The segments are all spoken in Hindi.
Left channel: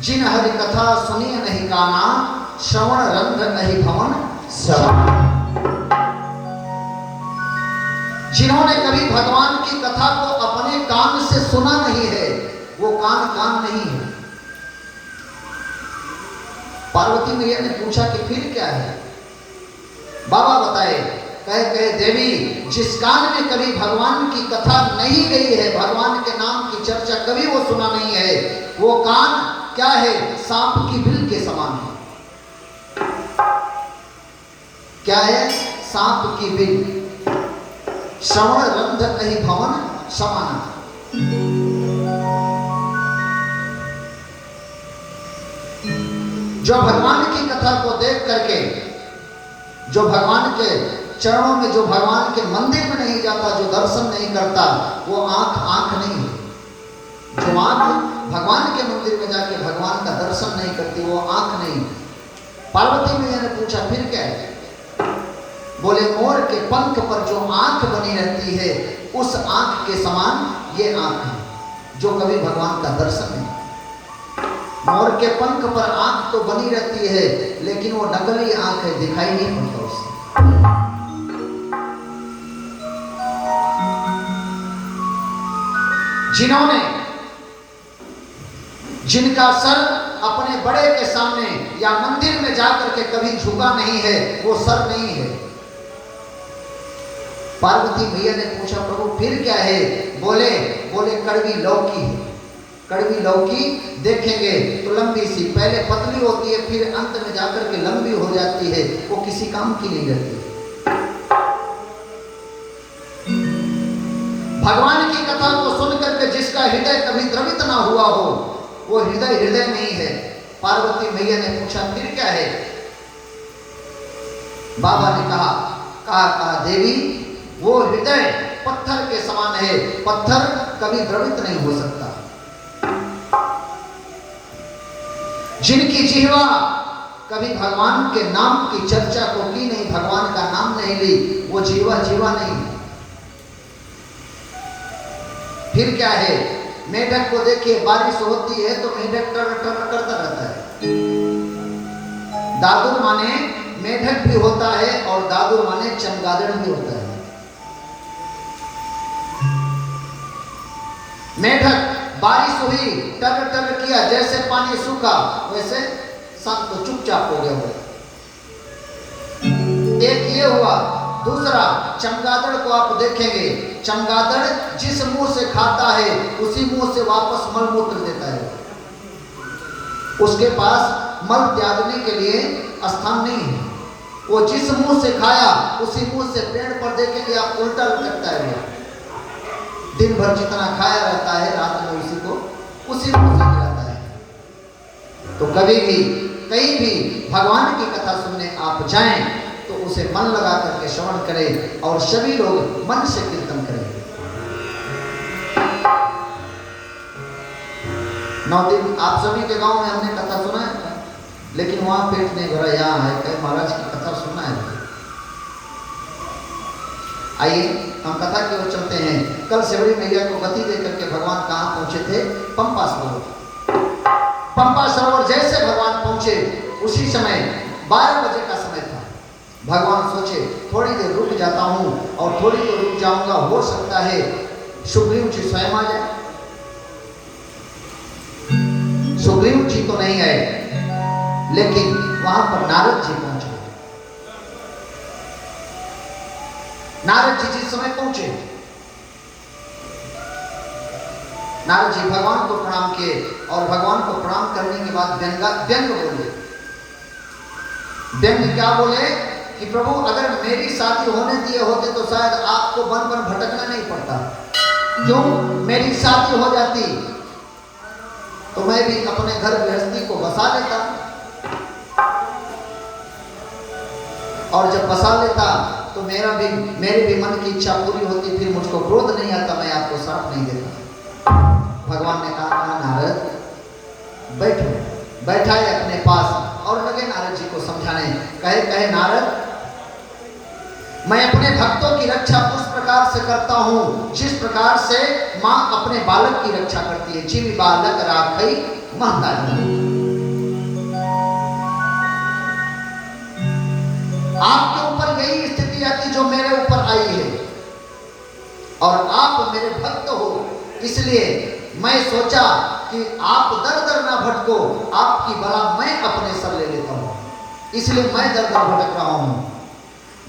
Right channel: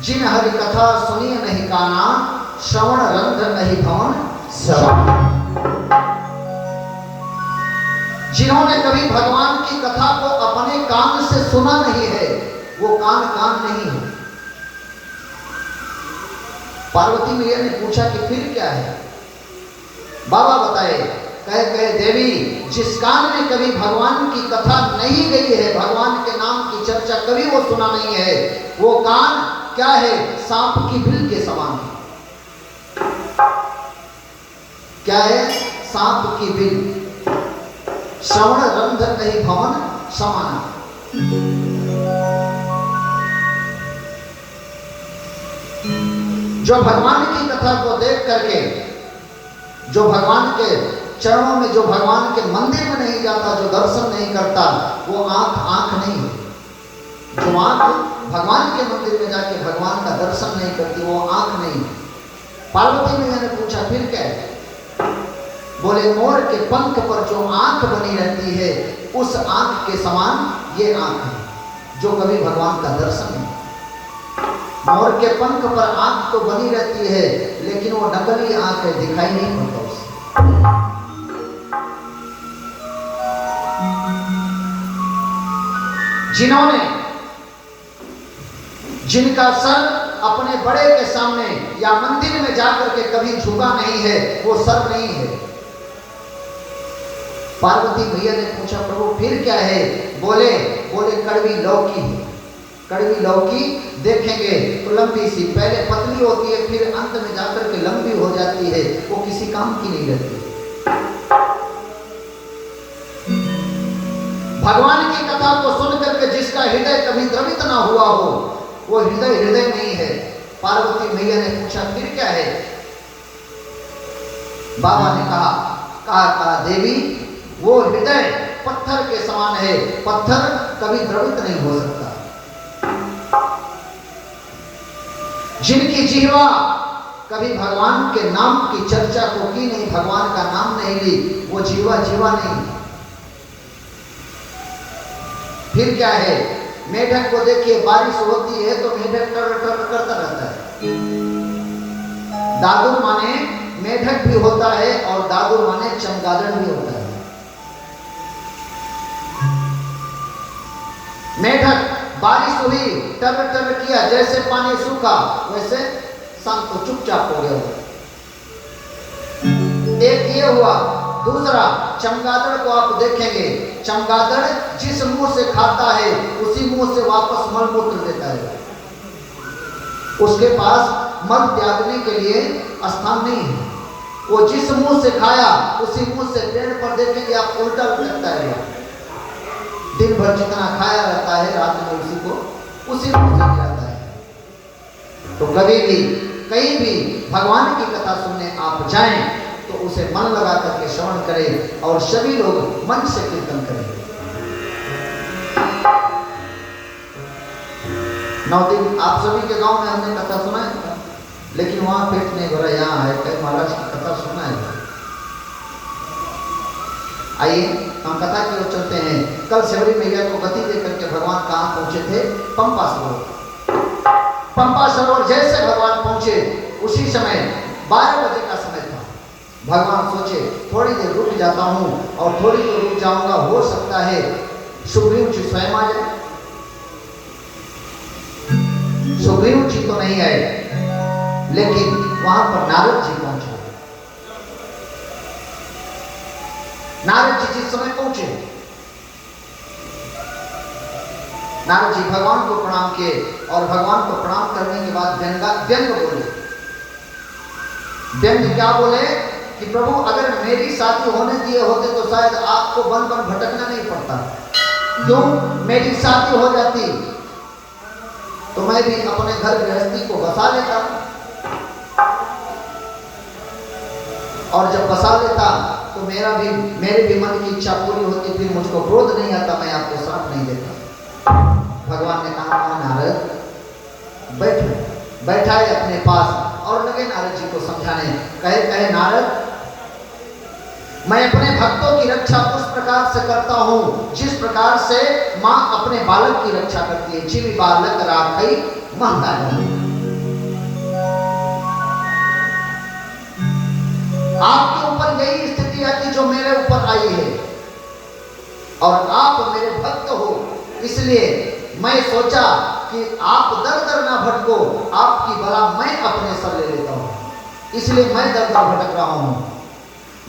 जिन हरि कथा सुनी नहीं काना, श्रवण रंध नहीं भवन श्रवण। जिन्होंने कभी भगवान की कथा को अपने कान से सुना नहीं है, वो कान कान नहीं है। पार्वती मैया ने पूछा कि फिर क्या है? बाबा बताए, कहे देवी, जिस कान में कभी भगवान की कथा नहीं गई है, भगवान के नाम की चर्चा कभी वो सुना नहीं है, वो कान क्या है? सांप की बिल के समान है। क्या है? सांप की बिल। श्रवण रंध नहीं भवन समाना। जो भगवान की कथा को देख करके, जो भगवान के चरणों में, जो भगवान के मंदिर में नहीं जाता, जो दर्शन नहीं करता, वो आंख नहीं है। जो आंख भगवान के मंदिर में जाके भगवान का दर्शन नहीं करती, वो आंख नहीं। पार्वती मैया ने पूछा फिर क्या है? बोले मोर के पंख पर जो आंख बनी रहती है, उस आंख के समान ये आंख है जो कभी भगवान का दर्शन नहीं। मोर के पंख पर आंख तो बनी रहती है, लेकिन वो नकली आंख है, दिखाई नहीं पड़ता उसे। जिन्होंने, जिनका सर अपने बड़े के सामने या मंदिर में जाकर के कभी झुका नहीं है, वो सर नहीं है। पार्वती मैया ने पूछा प्रभु फिर क्या है? बोले कड़वी लौकी है। कड़वी लौकी देखेंगे तो लंबी सी, पहले पतली होती है, फिर अंत में जाकर के लंबी हो जाती है, वो किसी काम की नहीं रहती। भगवान की कथा को सुनकर के जिसका हृदय कभी द्रवित ना हुआ हो, वो हृदय नहीं है। पार्वती मैया ने पूछा फिर क्या है? बाबा ने कहा देवी, वो हृदय पत्थर के समान है, पत्थर कभी द्रवित नहीं हो सकता। जिनकी जिह्वा कभी भगवान के नाम की चर्चा को की नहीं, भगवान का नाम नहीं ली, वो जीवा नहीं। फिर क्या है? मेढक को देखिए, बारिश होती है तो मेढक टर करता रहता है। दादू माने मेढक भी होता है और दादू माने चमगादड़ भी होता है। मेढक बारिश हुई, टर किया, जैसे पानी सूखा वैसे शांत को चुपचाप हो गया। एक ये हुआ। दूसरा, चमगादड़ को आप देखेंगे, चमगादड़ जिस मुंह से खाता है उसी मुंह से वापस मल मूत्र देता है। उसके पास मल त्यागने के लिए स्थान नहीं है। वो जिस मुंह से खाया उसी मुंह से, पेड़ पर देखेंगे आप उल्टा लगता है। दिन भर जितना खाया रहता है, रात में उसी मुंह से गिराता है। तो कभी भी कहीं भी भगवान की कथा सुनने आप जाएं तो उसे मन लगा करके श्रवण करें और सभी लोग मन से कीर्तन करें। 9 दिन आप सभी के गांव में हमने कथा सुना है, लेकिन वहां पेट नहीं भरा, यहाँ है कहीं महाराज की कथा सुना है। आइए हम कथा की ओर चलते हैं। कल शबरी मैया को गति देकर के भगवान कहाँ पहुंचे थे? पंपा सरोवर। पंपा सरोवर जैसे भगवान पहुंचे, उसी समय 12 बजे का समय था। भगवान सोचे थोड़ी देर रुक जाता हूं, और थोड़ी देर रुक जाऊंगा, हो सकता है सुग्रीव जी स्वयं आ जाए। सुग्रीव जी तो नहीं आए, लेकिन वहां पर नारद जी पहुंचे। नारद जी जिस समय पहुंचे, नारद जी भगवान को प्रणाम किए, और भगवान को प्रणाम करने के बाद व्यंग बोले। व्यंग क्या बोले कि प्रभु, अगर मेरी शादी होने दिए होते तो शायद आपको बन भटकना नहीं पड़ता। क्यों? मेरी शादी हो जाती तो मैं भी अपने घर गृहस्थी को बसा लेता, और जब बसा लेता तो मेरे भी मन की इच्छा पूरी होती, फिर मुझको क्रोध नहीं आता, मैं आपको श्राप नहीं देता। भगवान ने कहा नारद बैठो। बैठाए अपने पास और लगे नारद जी को समझाने। कहे नारद, मैं अपने भक्तों की रक्षा उस प्रकार से करता हूँ जिस प्रकार से माँ अपने बालक की रक्षा करती है। जिमी बालक राखई महंगा। इसलिए मैं सोचा कि आप दर दर ना भटको, आपकी बला मैं अपने सर ले लेता हूं, इसलिए मैं दर दर भटक रहा हूं।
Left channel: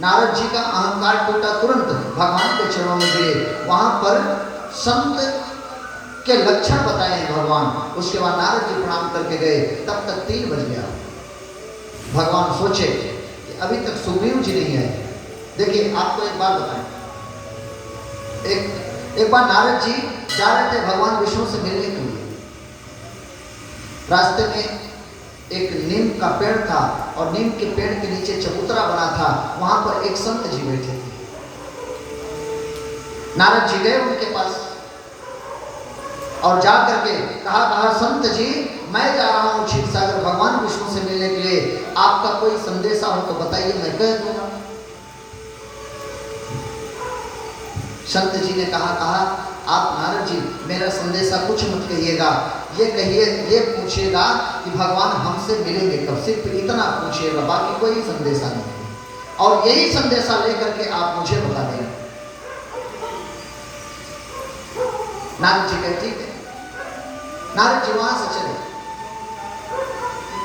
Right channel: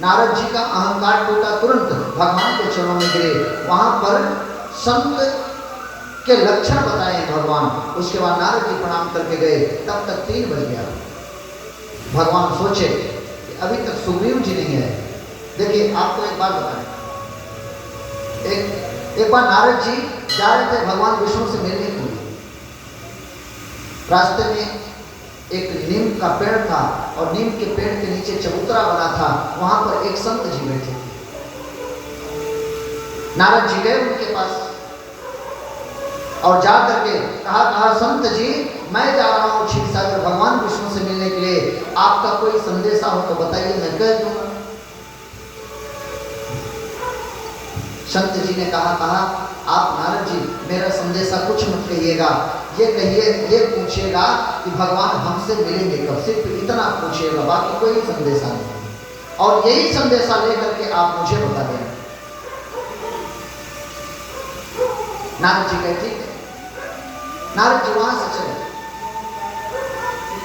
नारद जी का अहंकार टूटा, तुरंत भगवान के चरणों में गिरे। वहां पर संत के लक्षण बताए भगवान। उसके बाद नारद जी प्रणाम करके गए। तब तक 3 बज गया। भगवान सोचे कि अभी तक सुग्रीव जी नहीं है। देखिए आपको एक बात बताएं, एक बार नारद जी जा रहे थे भगवान विष्णु से मिलने के लिए। रास्ते में एक नीम का पेड़ था और नीम के पेड़ के नीचे चबूतरा बना था। वहां पर एक संत जी बैठे थे। नारद जी गए उनके पास और जा करके कहा संत जी, मैं जा रहा हूं क्षीरसागर भगवान विष्णु से मिलने के लिए, आपका कोई संदेशा हो तो बताइए, मैं कह दूंगा। संत जी ने कहा आप नारद जी मेरा संदेशा कुछ मत कहिएगा, ये कहिए, ये पूछिएगा कि भगवान हमसे मिलेंगे कब, सिर्फ इतना पूछिएगा, बाकी कोई संदेशा नहीं। और यही संदेशा लेकर के आप मुझे बता दें। नारद जी कहते ठीक है। नारद जी वहां से चले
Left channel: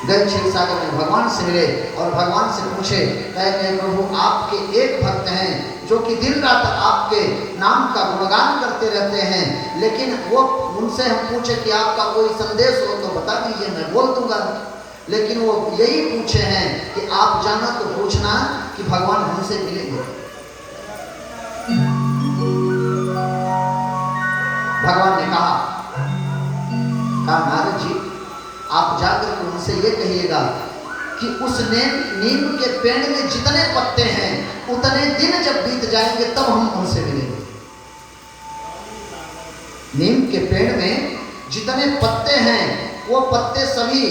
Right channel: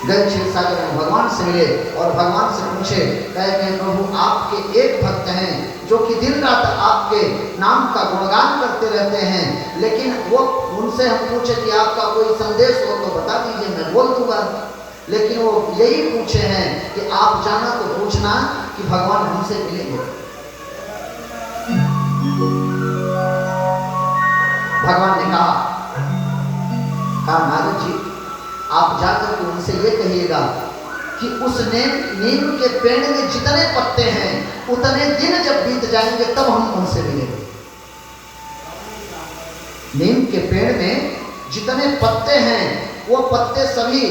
गए क्षीरसागर में, भगवान से मिले और भगवान से पूछे, कहे प्रभु आपके एक भक्त हैं जो कि दिन रात आपके नाम का गुणगान करते रहते हैं, लेकिन वो उनसे हम पूछे कि आपका कोई संदेश हो तो बता दीजिए, मैं बोल दूंगा। लेकिन वो यही पूछे हैं कि आप जाना तो पूछना कि भगवान हमसे मिलेंगे। भगवान ने कहा नारद जी आप जाकर के उनसे ये कहिएगा कि उस नीम के पेड़ में जितने पत्ते हैं उतने दिन जब बीत जाएंगे तब हम उनसे मिलेंगे। नीम के पेड़ में जितने पत्ते हैं वो पत्ते सभी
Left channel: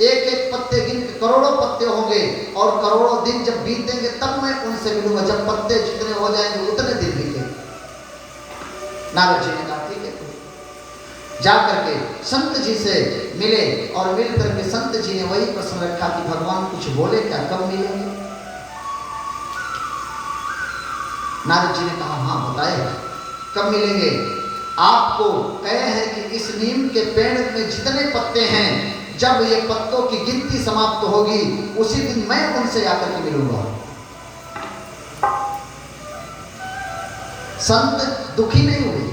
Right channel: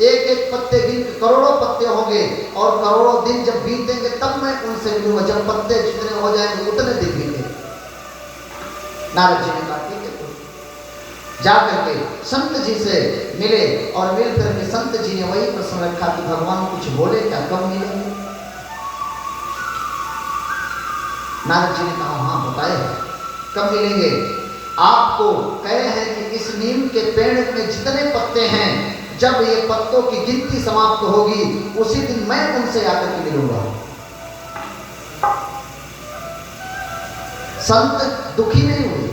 एक एक पत्ते गिन करोड़ों पत्ते होंगे और करोड़ों दिन जब बीतेंगे तब मैं उनसे मिलूंगा। जब पत्ते जितने हो जाएंगे उतने दिन बीतेंगे। नारद जी ने कहा ठीक है। जा करके संत जी से मिले और मिल करके संत जी ने वही प्रश्न रखा कि भगवान कुछ बोले क्या, कब मिलेंगे? नारद जी ने कहा हाँ बताए कब मिलेंगे। आपको कहे हैं कि इस नीम के पेड़ में जितने पत्ते हैं जब ये पत्तों की गिनती समाप्त होगी उसी दिन मैं उनसे आकर के मिलूंगा। संत दुखी नहीं हुए,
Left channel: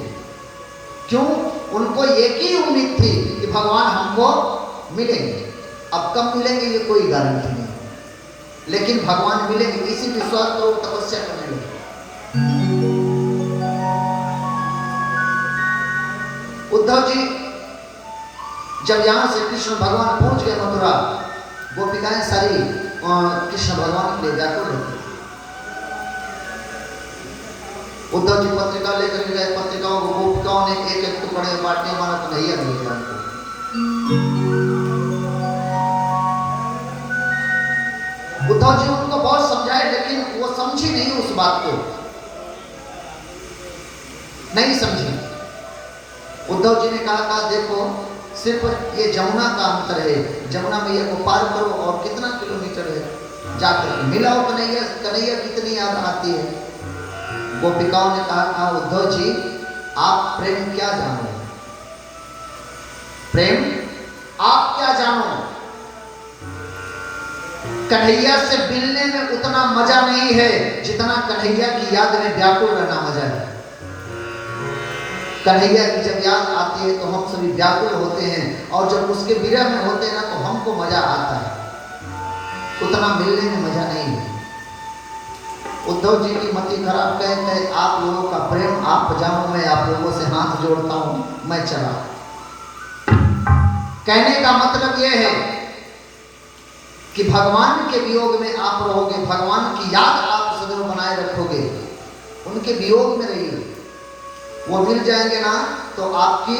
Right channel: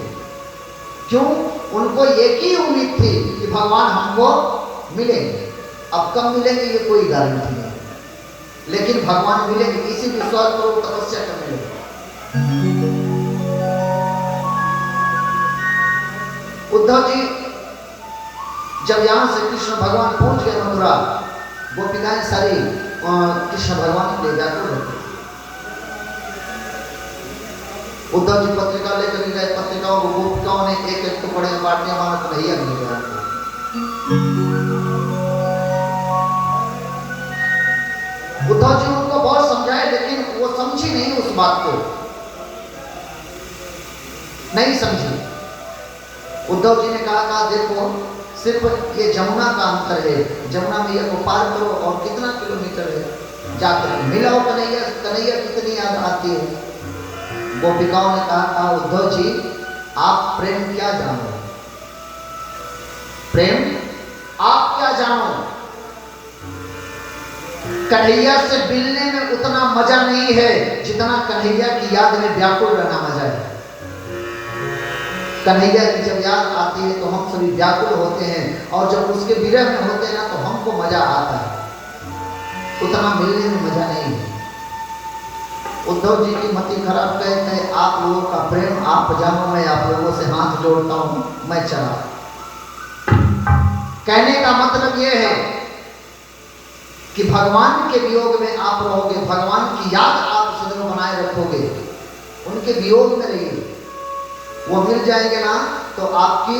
क्यों? उनको एक ही उम्मीद थी कि भगवान हमको मिलेंगे। अब कब मिलेंगे ये कोई गारंटी नहीं, लेकिन भगवान मिलेंगे इसी विश्वास पर तपस्या करने लगे। उद्धव जी जब यहां से कृष्ण भगवान पहुंच गए मथुरा, गोपिकाएं सारी कृष्ण भगवान के लिए व्याकुल रहती। उद्धव जी पत्रिका लेकर गए, पत्रिकाओं को गोपिकाओं ने एक एक टुकड़े बांटने वाला कन्हैया मिल गया। उद्धव जी उनको बहुत समझाए लेकिन वो समझी नहीं, उस बात को नहीं समझी। उद्धव जी ने कहा देखो सिर्फ ये जमुना का अंतर है, जमुना मैया को पार करो और कितना किलोमीटर है, जाकर मिलाओ कन्हैया, कन्हैया कितनी याद आती है। गोपिकाओं ने कहा उद्धव जी आप प्रेम क्या जानो, प्रेम आप क्या जानो, कन्हैया से मिलने में उतना मजा नहीं है जितना कन्हैया की याद में व्याकुल रहना मजा है। कन्हैया की जब याद आती है तो हम सभी व्याकुल होते हैं और जब उसके विरह में होते हैं ना तो हमको मजा आता है, उतना मिलने में मजा नहीं है। उद्धव जी की मति खराब कहते हैं आप लोगों का प्रेम आप जानो, मैं आप लोगों से हाथ जोड़ता हूं, मैं चला। कहने का मतलब यह है कि भगवान के वियोग में आप रहोगे, भगवान की याद आप सदैव बनाए रखोगे, उनके वियोग में रहिए। वो मिल जाएंगे ना तो आपकी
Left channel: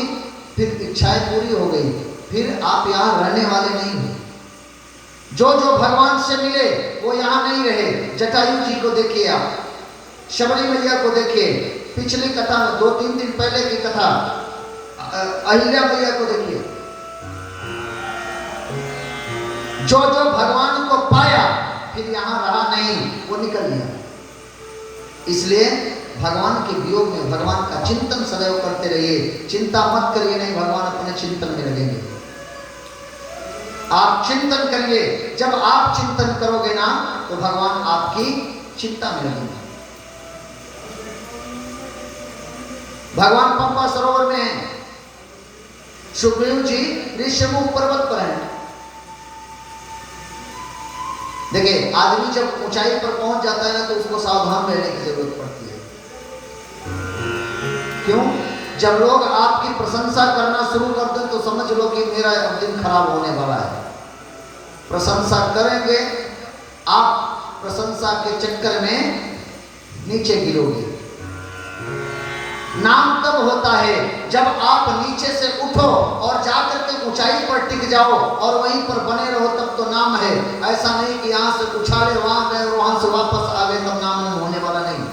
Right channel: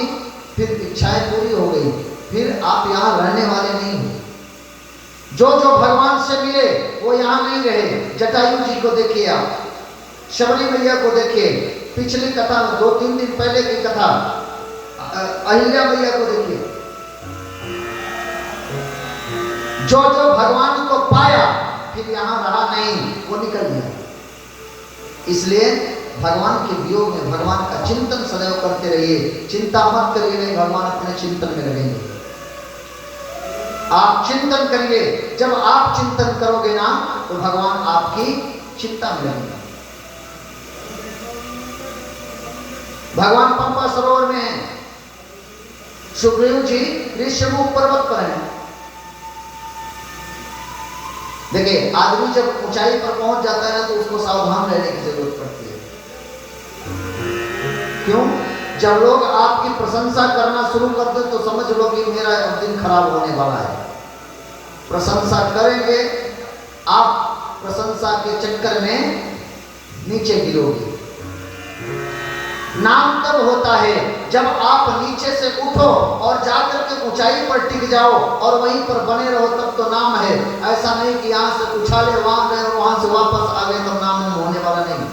फिर इच्छाएं पूरी हो गई, फिर आप यहाँ रहने वाले नहीं हो। जो जो भगवान से मिले वो यहाँ नहीं रहे। जटायु जी को देखिए, आप शबरी मैया को देखिए, पिछली कथा में 2-3 दिन पहले की कथा अहिल्या मैया को देखिए। जो जो भगवान को पाया फिर यहाँ रहा नहीं, वो निकल गया। इसलिए भगवान के वियोग में भगवान का चिंतन सदैव करते रहिए। चिंता मत करिए, नहीं भगवान अपने चिंतन में लगेंगे। आप चिंतन करेंगे, जब आप चिंतन करोगे ना तो भगवान आपकी चिंता में लगेंगे। भगवान पंपा सरोवर में हैं, सुग्रीव जी ऋषिमुख पर्वत पर हैं। देखिए, आदमी जब ऊंचाई पर पहुंच जाता है ना तो उसको सावधान रहने की जरूरत पड़ती है। क्यों? जब लोग आपकी प्रशंसा करना शुरू कर दें तो समझ लो कि मेरा दिन खराब होने वाला है। प्रशंसा करेंगे, आप प्रशंसा के चक्कर में नीचे गिरोगे। नाम तब होता है जब आप नीचे से उठो और जाकर के ऊंचाई पर टिक जाओ और वहीं पर बने रहो, तब तो नाम है। ऐसा नहीं कि यहां से उछाले वहां गए और वहां से वापस आ गए, तब नाम होने वाला नहीं।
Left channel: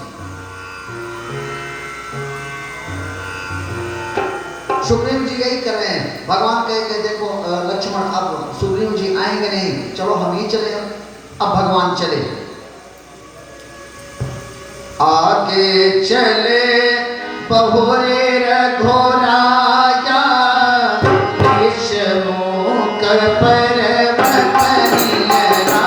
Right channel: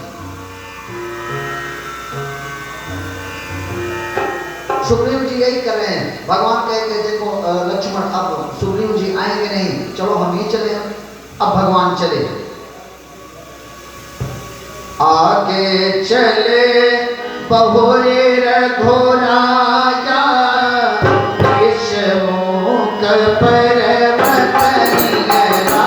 सुग्रीव जी यही कर रहे हैं। भगवान कहते देखो लक्ष्मण, अब सुग्रीव जी आएंगे नहीं, चलो हम ही चले। अब भगवान चले, आगे चले बहुरे रघुराया, ऋषमुख पर्वत निराया।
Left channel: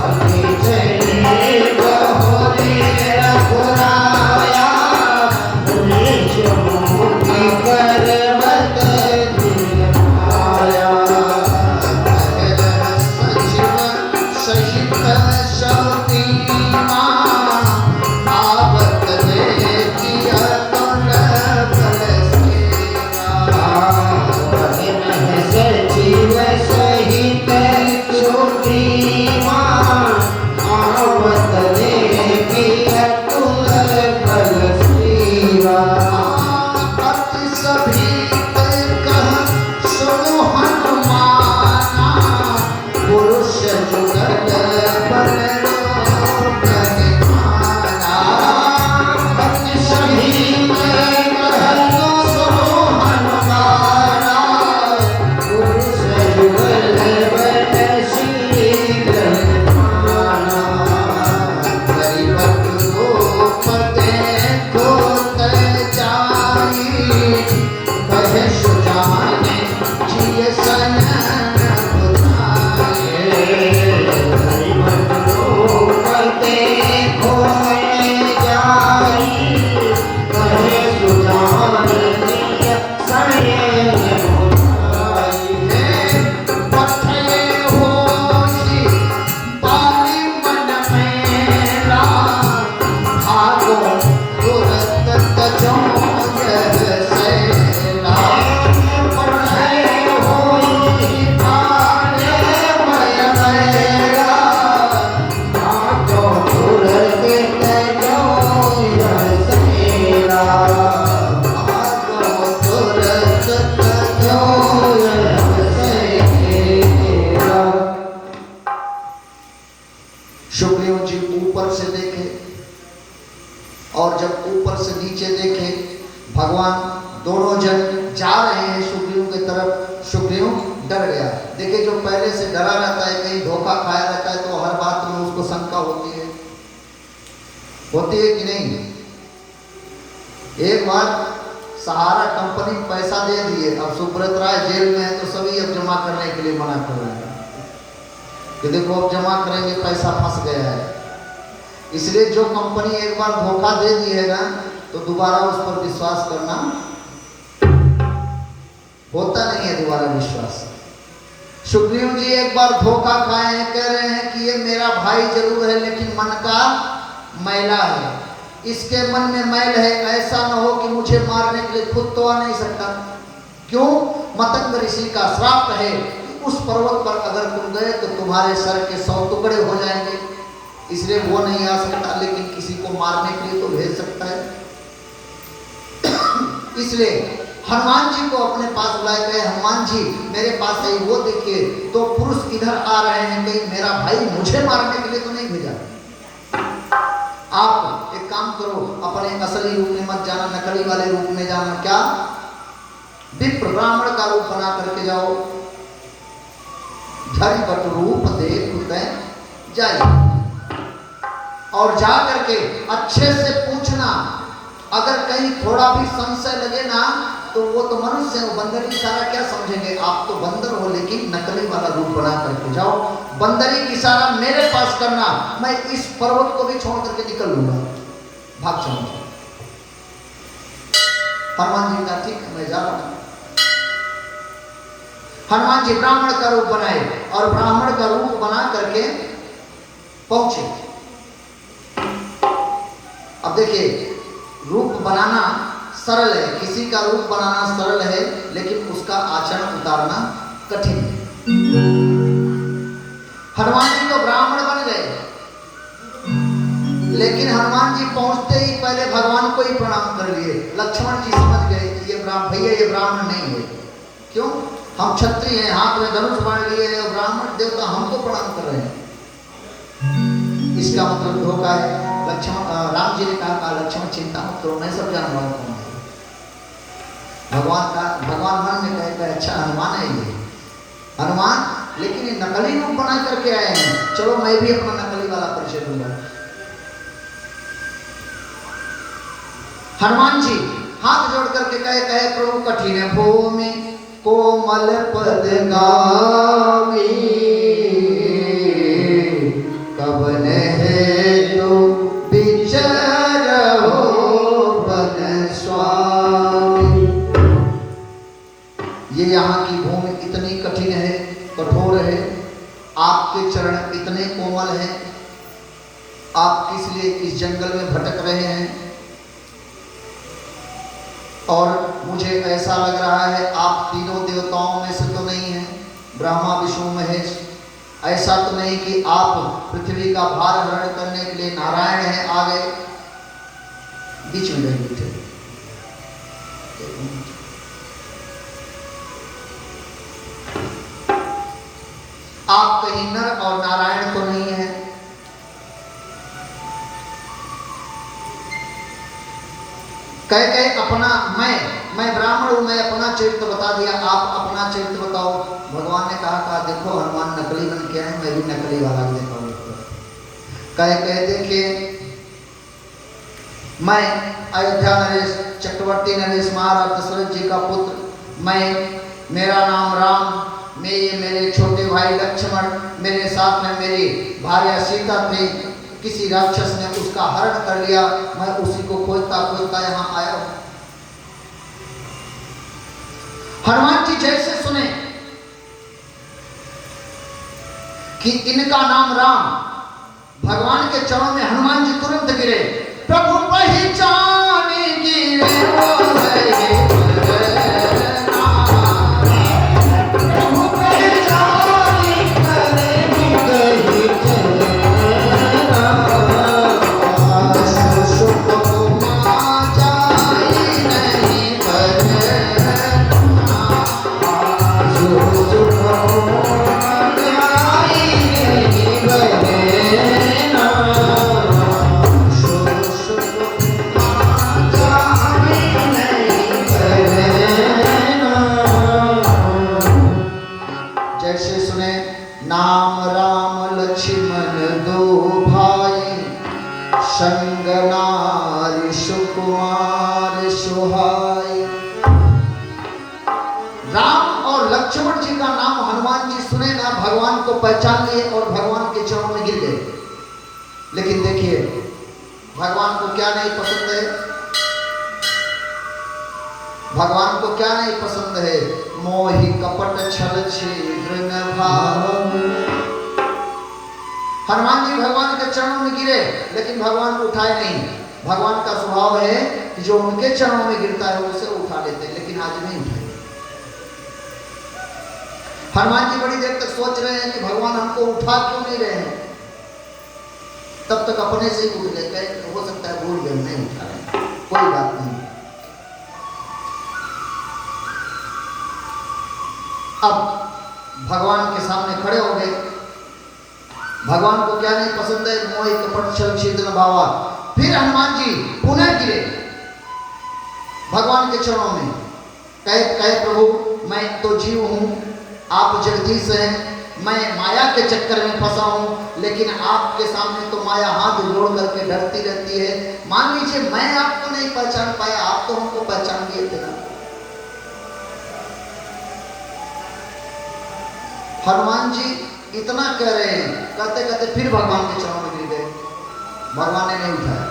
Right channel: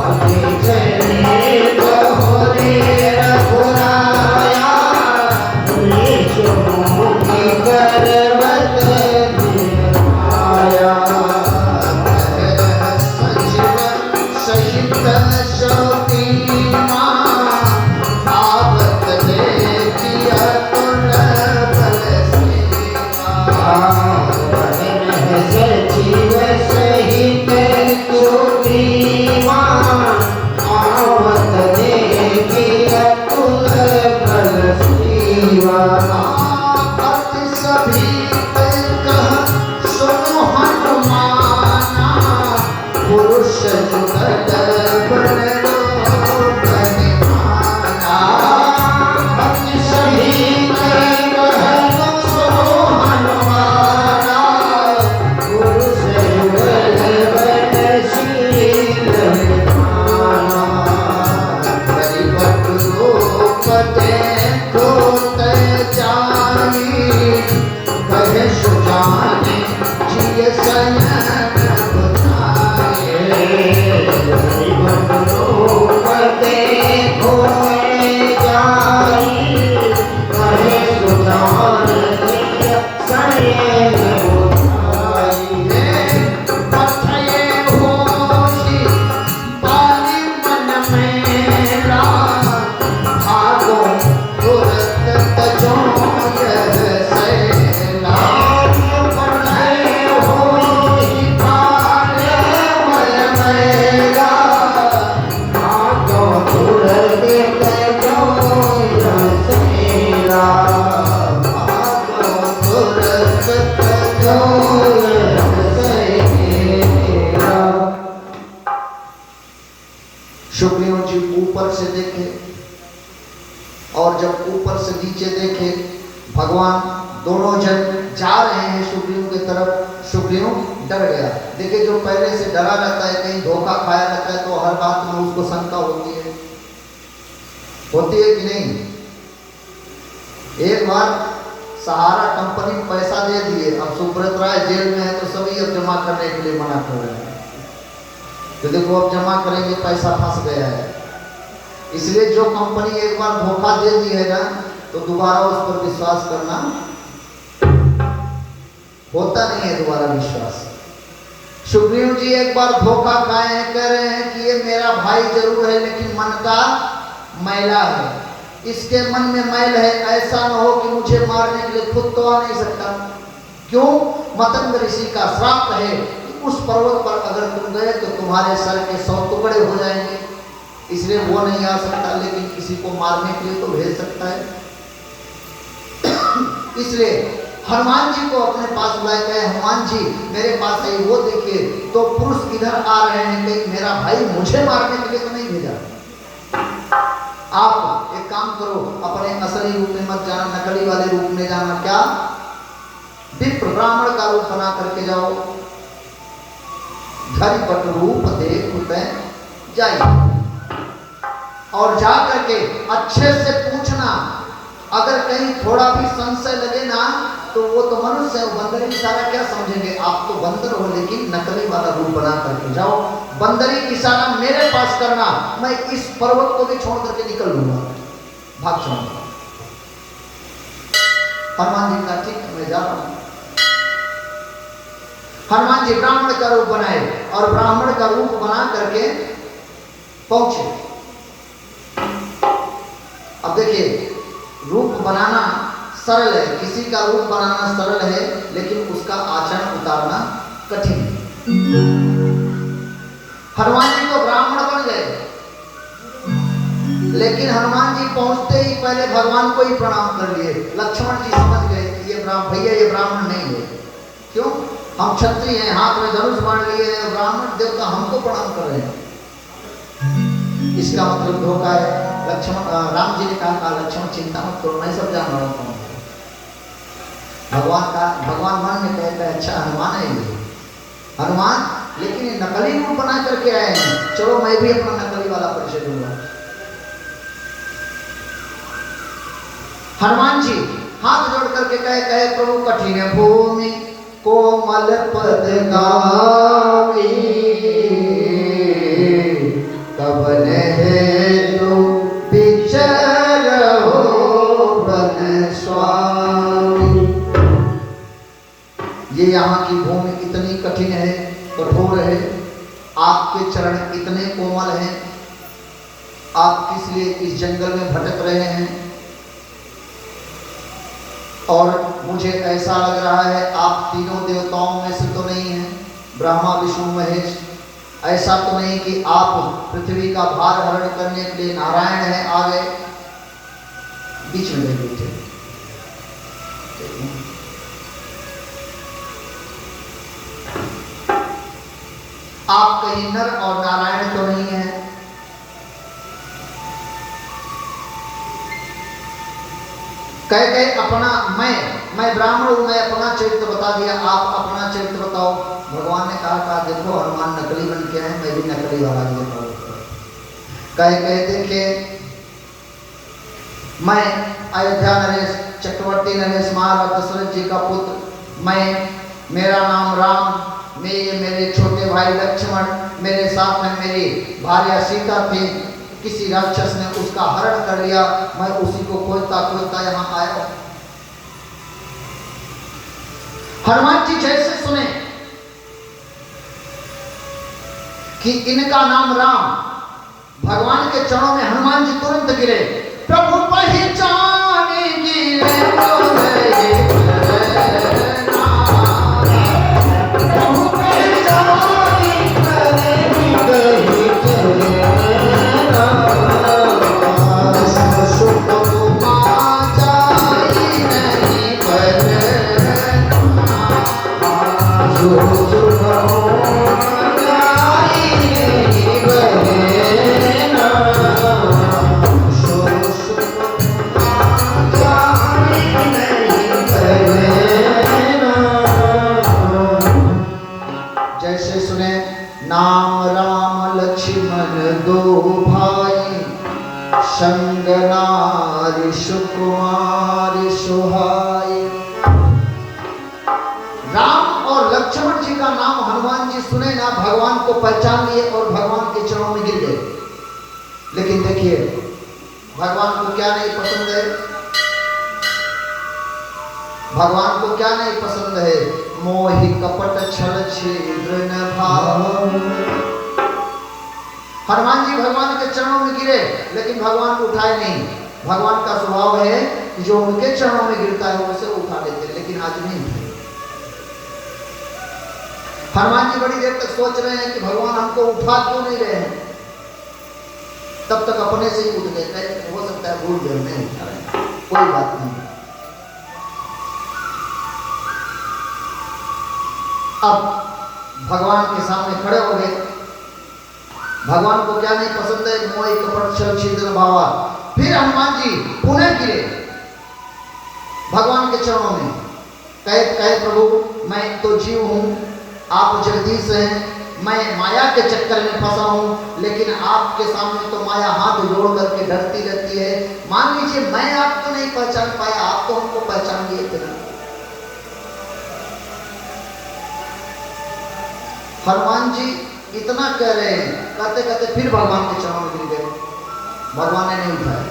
आगे चले बहुरे रघुराया, ऋषमुख पर्वत निराया। सहित सतीमा सुग्रीव जी ऊपर से देखे और जब ऊपर से नीचे देखे, भगवान दोनों जन जा रहे हैं सुग्रीव की तरफ। सुग्रीव डर गया। देखिए, जो पहले से डरा रहता है, कहीं धोखा खाया रहता है, तो हर बात में उसको शंका होती है कि नहीं। एक बार सहारा कंपनी पैसा दे दिए, अब सुब्रत राय जेल में है तो सभी अब जमा करने के लिए मना कर रहे हैं कि देखो अब जमा करेंगे, पैसा फंस गया है। इसलिए जो कंपनी एक बार धोखा दे दी है ना, तो दोबारा उस पर विश्वास करना होता नहीं है, दोबारा विश्वास। सुग्रीव जी एक बार धोखा खाए हैं, कह रहे हैं कि ये मेरा भाई जरूर है लेकिन मन का मैला है, इसके मन में मैल है, ऐसा न हो कि मुझे मारने के लिए खुद तो आ नहीं सकता। क्यों? मतंग ऋषि का श्राप है, उस पर्वत पर अगर तुम गए तो तुम्हारे सर के 100 टुकड़े हो जाएंगे, इसलिए वो नहीं आ सकता, लेकिन किसी को मारने के लिए तो भेज सकता है। इसलिए हनुमान जी को अपने पास बुलाया गया। हनुमान जी मेरे पास है, वो देखिए तो पुरुष इधर आ रहे हैं, कहीं मेरा भाई मुझे मारने के लिए तो नहीं भेजा। आप एक काम करो, अपने असली रूप में मत जाना, नकली वाले रूप में जाना। क्या? विप्र ब्राह्मण का रूप बना करके जाओ। धरि बट रूप देख जाइए और जा करके अच्छे से पूछना। अगर कहीं थोड़ा भी संशय लगे ना तो वो तो मनुष्य है, वो बंदरी इशारा क्या समझेंगे। आप तो बंदर हो लेकिन नकली वाला रूप बना करके जाओ, बंदरी की इशारा मेरे पास करना, मैं इस पर्वत को भी छोड़ करके निकल लूंगा, भाग जाऊंगा। हनुमान जी का ठीक है, मैं जा रहा हूं। हनुमान जी ब्राह्मण का रूप बनाए और ब्राह्मण का रूप बना करके पहुंचे। अब देखिए, रूप बनाना सरल है, किसी का रूप बनाना सरल है, लेकिन उसका आचरण उतारना कठिन है। हनुमान जी तो ब्राह्मण बन गए, लेकिन हनुमान जी पहुंचते ही पहले भगवान को ही प्रणाम कर लिए। लक्ष्मण जी समझ गए ये भैया ये ब्राह्मण नहीं है। क्यों? हम क्षत्रिय हैं, हाथ में धनुष बाण लिए हैं, ब्राह्मण देवता हमको प्रणाम कर रहे हैं। इसका मतलब धोखा है। राम जी ने कहा लक्ष्मण चिंता मत करो, मैं सब जान रहा हूँ। भगवान मन में कहता है अच्छा हनुमान है ये हनुमान, लेकिन ये नकली रूप बना करके आए हैं, चलो मैं भी अपना नकली वाला परिचय दूंगा। हनुमान जी हाथ जोड़ करके कहे प्रभु कठिन भूमि कोमल पद गामी, कवन हेतु विचरहो वन स्वामी। ये यहाँ की भूमि इतनी कठिन है, कठोर है, आपके चरण इतने कोमल हैं, आप किस लिए इस जंगल में भटक रहे हैं। और मुझे ऐसा लग रहा है आप तीनों देवताओं में से तो नहीं हैं, ब्रह्मा विष्णु महेश। ऐसा तो नहीं कि आप पृथ्वी का भार हरण करने के लिए नारायण हैं आ गए, बीच में नहीं बैठे। आप कहीं नर और नारायण तो नहीं है। कह अपना मैं ब्राह्मण हूं, मैं अपना चरित्र बता दिया, आप अपना चरित्र बताओ। भगवान ने कहा देखो हनुमान नकली बन के आए, मैं भी नकली वाला देखा। कह देखिए मैं अयोध्या नरेश चक्रवर्ती नरेश महाराज दशरथ जी का पुत्र, मेरा नाम राम, मेरे छोटे भाई लक्ष्मण, मेरे साथ में मेरी भार्या सीता थी, किसी राक्षस ने उसका हरण कर लिया, मैं उसी को खोजता खोजता यहाँ आया हूं। हनुमान जी जैसे सुने कि इनका नाम राम, भगवान के चरणों में हनुमान जी तुरंत गिरे। प्रभु पहचाने गिरे पहचान लिए और भगवान के चरणों में गिर गए। लेकिन देखिए भगवान को क्या नहीं पसंद है, भगवान को क्या नहीं पसंद है। मोहि कपट छल छिद्र न भाव। हनुमान जी भगवान के चरणों में गिरे, लेकिन भगवान को उठाए नहीं। भगवान का स्वभाव है कि जो उनके चरणों में गिरता है उसे उठा लेते, लेकिन आज नहीं उठाए। हनुमान जी बड़ी देर तक सोच रहे हैं कि भगवान हमको उठा क्यों नहीं रहे हैं, तब तक अपने से ही उठ गए। हो सकता है भूल गए, नहीं उठा रहे, कोई बात नहीं। अब भगवान के सामने खड़े हो गए। भगवान को क्या नहीं पसंद है, मोह कपट छल छिद्र भावा। फिर हनुमान जी पुनः गिरे भगवान के चरणों में, कहे प्रभु मैं तो जीव हूं, आप जगदीश हैं, मैं माया के चक्कर में फंसा हूँ, लेकिन आपके सामने तो माया हाथ जोड़ करके डरती रहती है। मान लीजिए मैं आपको नहीं पहचान पाया, आप तो हमको पहचान लिए थे। हनुमान जी इतना कह रहे हैं, कहते कहते फिर भगवान के चरणों में गिर गए। भगवान ने नहीं उठाया।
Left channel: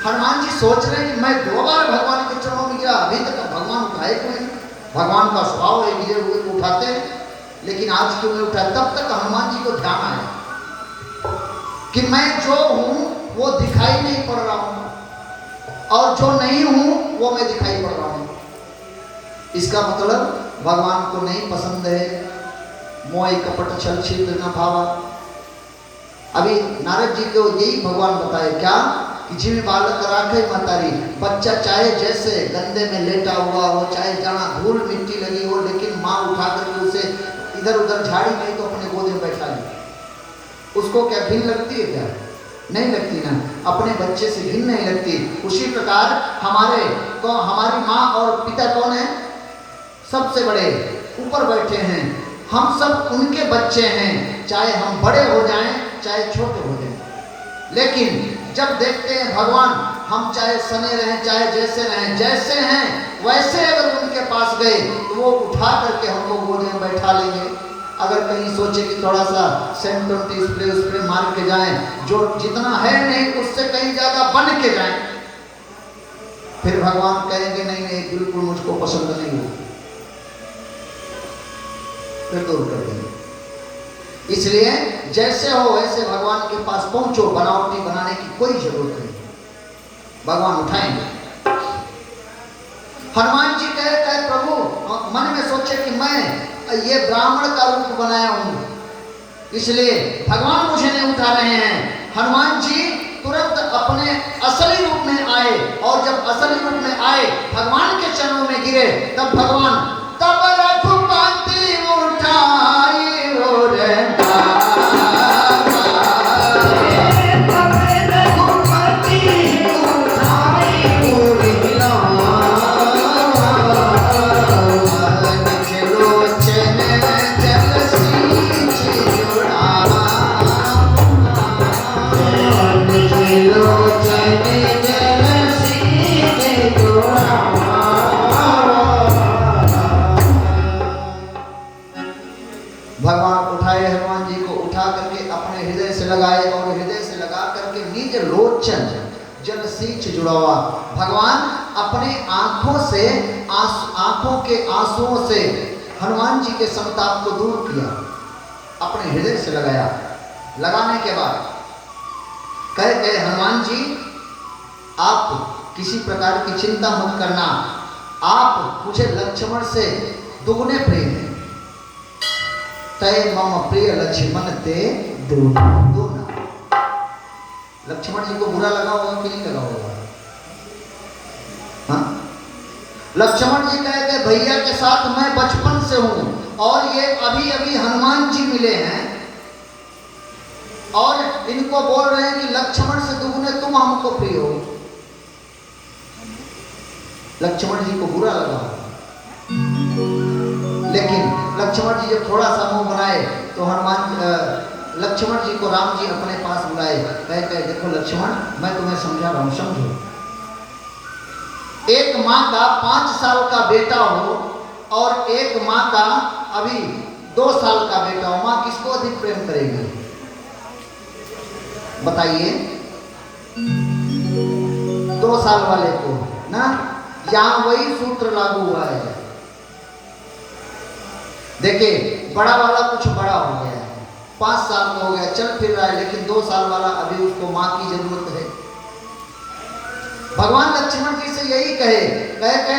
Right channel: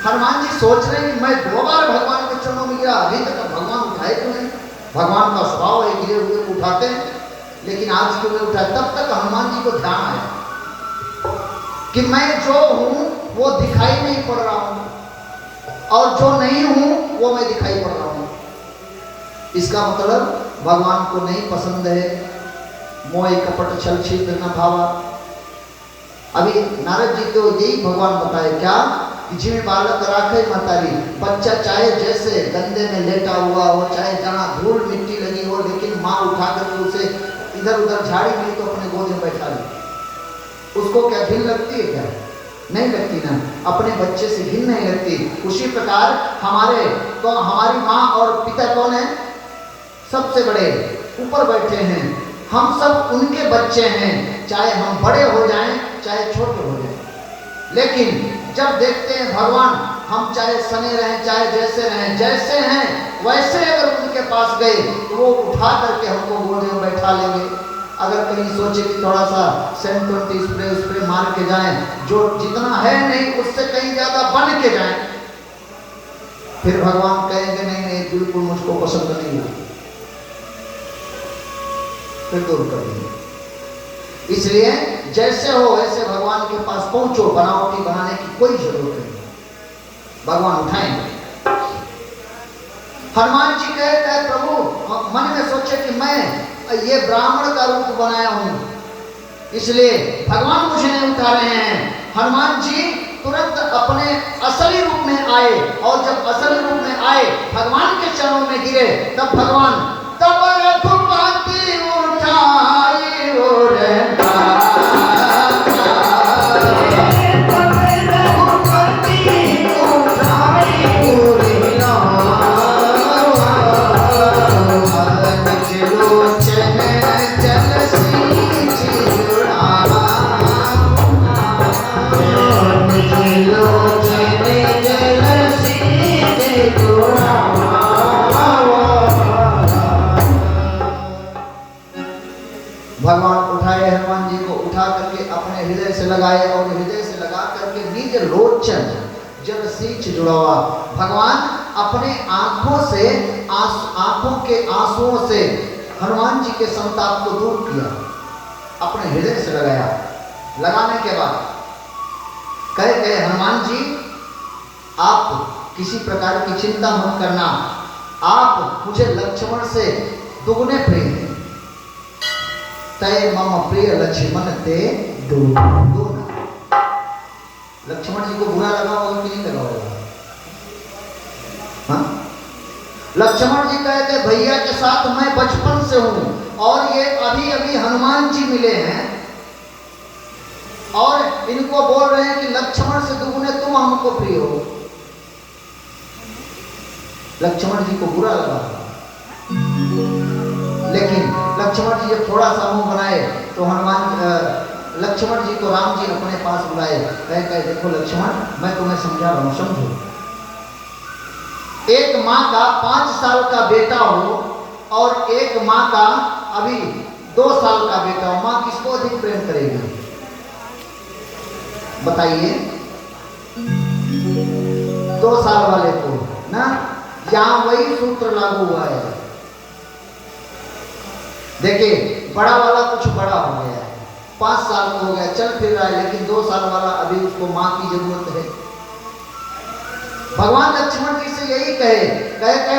हनुमान जी सोच रहे हैं कि मैं दोबारा भगवान के चरणों में गिरा, अभी तक भगवान उठाए क्यों नहीं? भगवान का स्वभाव है गिरे हुए को उठाते हैं, लेकिन आज क्यों नहीं उठाया? तब तक हनुमान जी को ध्यान आया कि मैं जो हूं वो दिखाई नहीं पड़ रहा हूं, और जो नहीं हूं वो मैं दिखाई पड़ रहा हूं। इसका मतलब भगवान को नहीं पसंद है। मोह कपट छल छिद्र न भावा। अभी नारद जी को यही भगवान बताए क्या कि जिम्मे बालक राखे मतारी, बच्चा चाहे जैसे गंदे में लेटा हुआ हो, चाहे जहाँ धूल मिट्टी लगी हो, लेकिन माँ उठा करके उसे इधर उधर झाड़ी नहीं तो अपने गोद में बैठा ले। उसको क्या घिन लगती है? क्या नहीं लगती ना, अपने बच्चे से घिन नहीं लगती। उसी प्रकार हमारी माँ और पिता कौन है? सबसे बड़े ऊपर बैठे हैं, हम सब उनके बच्चे हैं, चाहे हम बड़े हो जाएं चाहे छोटे हो जाएं। लेकिन जब देखते हैं भगवान, हम चाहे सने रहें चाहे जैसे रहें, जैसे हैं वैसे अगर उनके पास गए तो वो उठा करके हमको गोद में बैठा लेंगे। अगर कहीं सोचे कि थोड़ा सा सेंट स्प्रे मार के जाएं, जो जितना है नहीं उससे कहीं ज्यादा बन के जाएं, फिर भगवान कहेंगे नहीं नहीं बिल्कुल मुझको पसंद नहीं है, फिर दूर कर देंगे। इसलिए जैसे हो वैसे भगवान के पास पहुंचो, बनावटी बनाने की कोई जरूरत नहीं, भगवान उठाएंगे। हनुमान जी कहे प्रभु मन में सोचे कि मैं ये ब्राह्मण का रूप बनाया हूं, इसलिए भगवान मुझे नहीं उठा रहे हैं। हनुमान जी तुरंत अपने असली रूप में आए, और जब असली रूप में आए भगवान के चरणों में गिरे, तब भगवान तब रघुपति उठाई और भगवान अपने आंखों के आंसुओं से हनुमान जी के संताप को दूर किया, अपने हृदय से लगाया। लगाने के बाद कहे हनुमान जी आप किसी प्रकार की चिंता मत करना, आप मुझे लक्ष्मण से दुगने प्रिय हैं। तय मम प्रिय लक्ष्मण ते दुगना। लक्ष्मण जी को बुरा लगा होगा कि नहीं लगा होगा? लक्ष्मण जी कहते भैया के साथ मैं बचपन से हूं, और ये अभी अभी हनुमान जी मिले हैं और इनको बोल रहे हैं कि लक्ष्मण से दुगने तुम हमको प्रिय हो। लक्ष्मण जी को बुरा लगा, लेकिन लक्ष्मण जी जब थोड़ा सा मुंह बनाए तो लक्ष्मण जी को राम जी अपने पास बुलाए, कहे देखो लक्ष्मण मैं तुम्हें समझा रहा हूं, समझो। एक माँ का 5 साल का बेटा हो और एक माँ का अभी 2 साल का बेटा हो, माँ किसको अधिक प्रेम करेगी? बताइए। 2 साल वाले को ना, यहां वही सूत्र लागू हुआ है। देखिए बड़ा वाला कुछ बड़ा हो गया है, 5 साल का हो गया, चल फिर रहा है, लेकिन 2 साल वाला अभी उसको माँ की जरूरत है। भगवान लक्ष्मण जी से यही कहे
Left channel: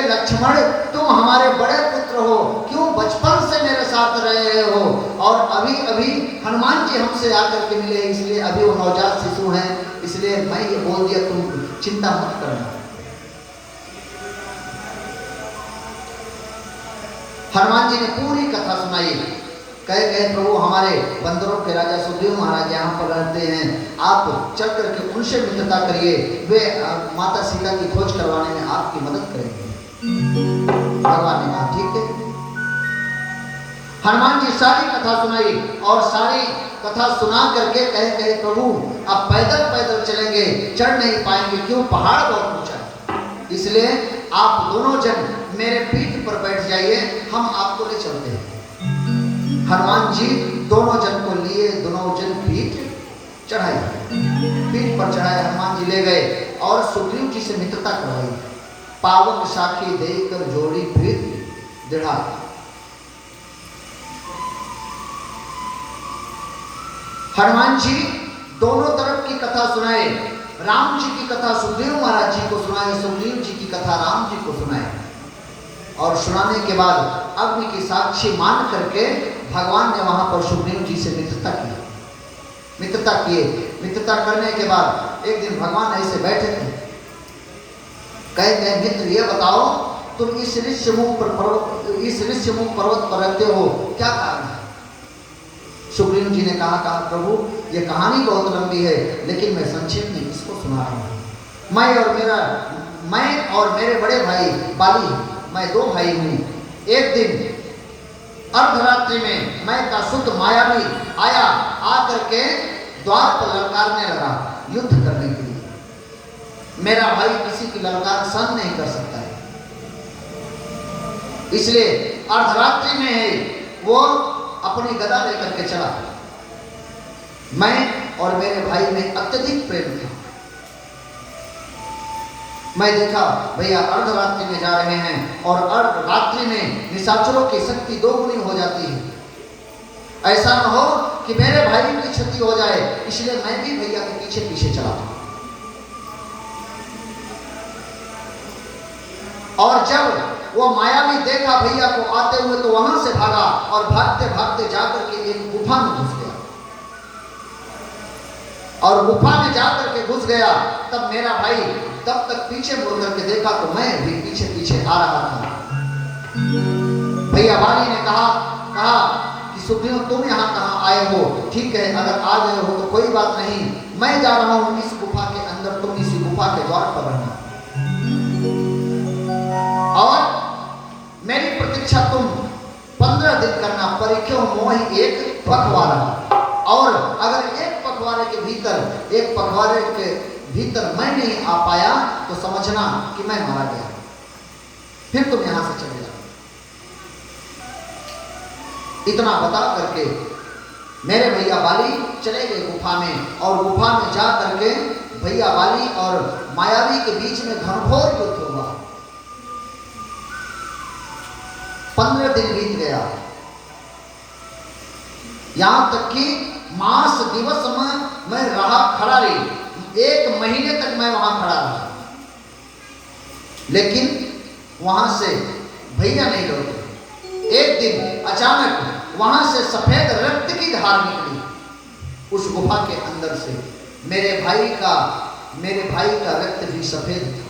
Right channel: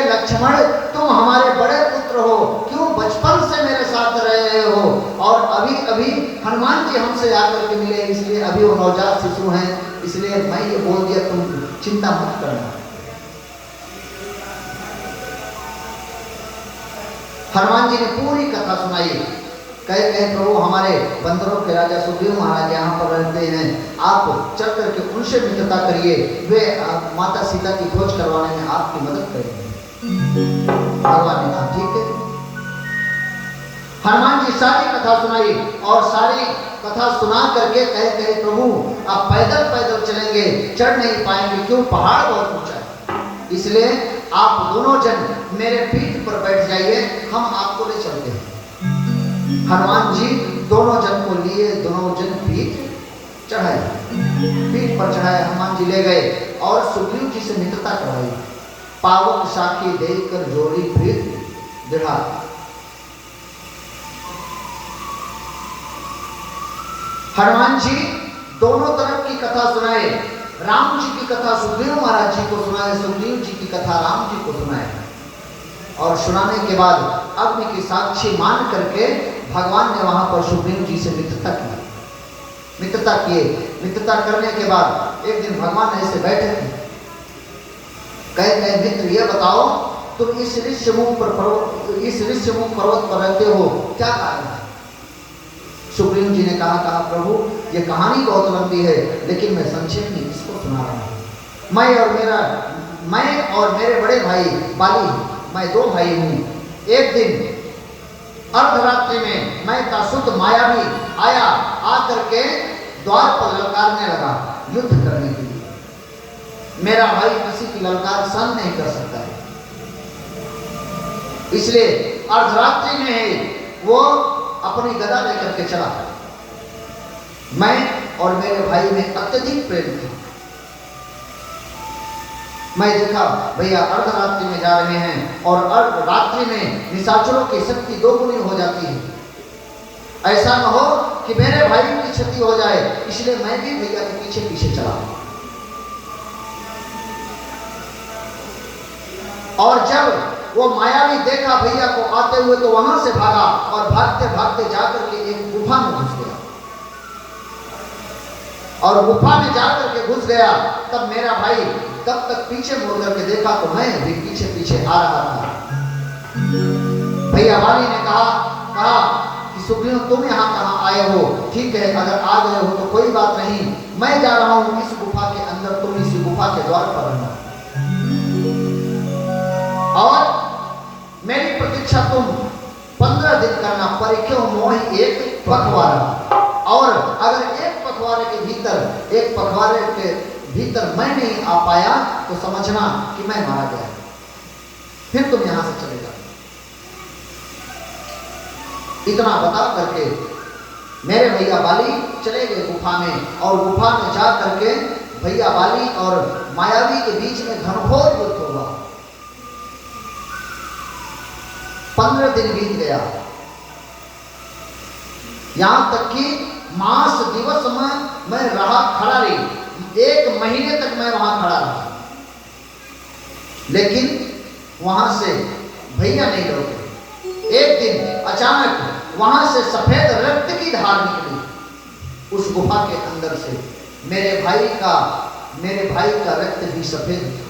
लक्ष्मण तुम हमारे बड़े पुत्र हो, क्यों बचपन से मेरे साथ रहे हो, और अभी अभी हनुमान जी हमसे आकर के मिले, इसलिए अभी वो नवजात शिशु हैं, इसलिए मैं ये बोल दिया, तुम चिंता मत करना। हनुमान जी ने पूरी कथा सुनाई। कहे प्रभु हमारे बंदरों के राजा सुग्रीव महाराज यहाँ पर रहते हैं, आप चल करके उनसे मित्रता करिए, वे माता सीता की खोज करवाने में आपकी मदद करेंगे। भगवान ने कहा ठीक है। हनुमान जी सारी कथा सुनाई और सारी कथा सुना करके कहे प्रभु आप पैदल पैदल चलेंगे, चढ़ नहीं पाएंगे, क्यों पहाड़ बहुत ऊंचा है, इसलिए आप दोनों जन मेरे पीठ पर बैठ जाइए, हम आपको ले चलते हैं। हनुमान जी दोनों जन को लिए, दोनों जन पीठ चढ़ाए, पीठ पर चढ़ाए, हनुमान जी ले गए और सुग्रीव जी से मित्रता करवाई। पावक साखी देकर जोड़ी पीठ दृढ़ा। हनुमान जी दोनों तरफ की कथा सुनाए, राम जी की कथा सुग्रीव महाराज जी को सुनाए, सुग्रीव जी की कथा राम जी को सुनाए, और सुनाने के बाद अग्नि की साक्षी मान करके भगवान ने वहां पर सुग्रीव जी से मित्रता की। मित्रता करने के बाद एक दिन भगवान ऐसे बैठे थे, कहे मित्र ये बताओ तुम इस ऋष्यमुख पर्वत पर रहते हो, क्या कारण है? सुग्रीव जी ने कहा प्रभु ये कहानी बहुत लंबी है, लेकिन मैं संक्षेप में इसको सुना रहा हूँ। मैं और मेरे बड़े भाई बाली, मैं दो भाई हूँ। एक दिन अर्धरात्रि में मैं का शुद्ध मायावी आया, आकर के द्वार पर ललकारने लगा युद्ध करने के लिए। मेरा भाई किसी की ललकार सहन नहीं कर सकता है, इसलिए अर्धरात्रि में है वो अपनी गदा लेकर के चला। मैं और मेरे भाई में अत्यधिक प्रेम था। मैं देखा भैया अर्धरात्रि में जा रहे हैं और अर्धरात्रि में निशाचरों की शक्ति दोगुनी हो जाती है, ऐसा न हो कि मेरे भाई की क्षति हो जाए, इसलिए मैं भी भैया के पीछे पीछे चला। और जब वो मायावी देखा भैया को आते हुए तो वहां से भागा और भागते भागते जाकर के एक गुफा में घुस गया, और गुफा में जाकर के घुस गया। तब मेरा भाई तब तक पीछे मुड़ करके देखा तो मैं भी पीछे पीछे आ रहा था। भैया वाली ने कहा कि सुग्रीव तुम यहाँ कहाँ आए हो? ठीक है, अगर आ गए हो तो कोई बात नहीं, मैं जा रहा हूँ इस गुफा के अंदर, तुम इस गुफा के द्वार पर रहना और मेरी प्रतीक्षा तुम 15 दिन करना। परीक्षा मोहि एक पखवाड़ा, और अगर एक पखवाड़े के भीतर मैं नहीं आ पाया तो समझना कि मैं मारा गया, फिर तुम यहां से चले जाओ। इतना बता करके मेरे भैया बाली चले गए गुफा में, और गुफा में जा करके भैया बाली और मायावी के बीच में घनघोर युद्ध हुआ। 15 दिन बीत गया, यहां तक कि मास दिवस में मैं रहा खड़ा रही, 1 महीने तक मैं वहां खड़ा रहा, लेकिन वहां से भैया नहीं लौटे। एक दिन अचानक वहां से सफेद रक्त की धार निकली उस गुफा के अंदर से। मेरे भाई का रक्त भी सफेद था,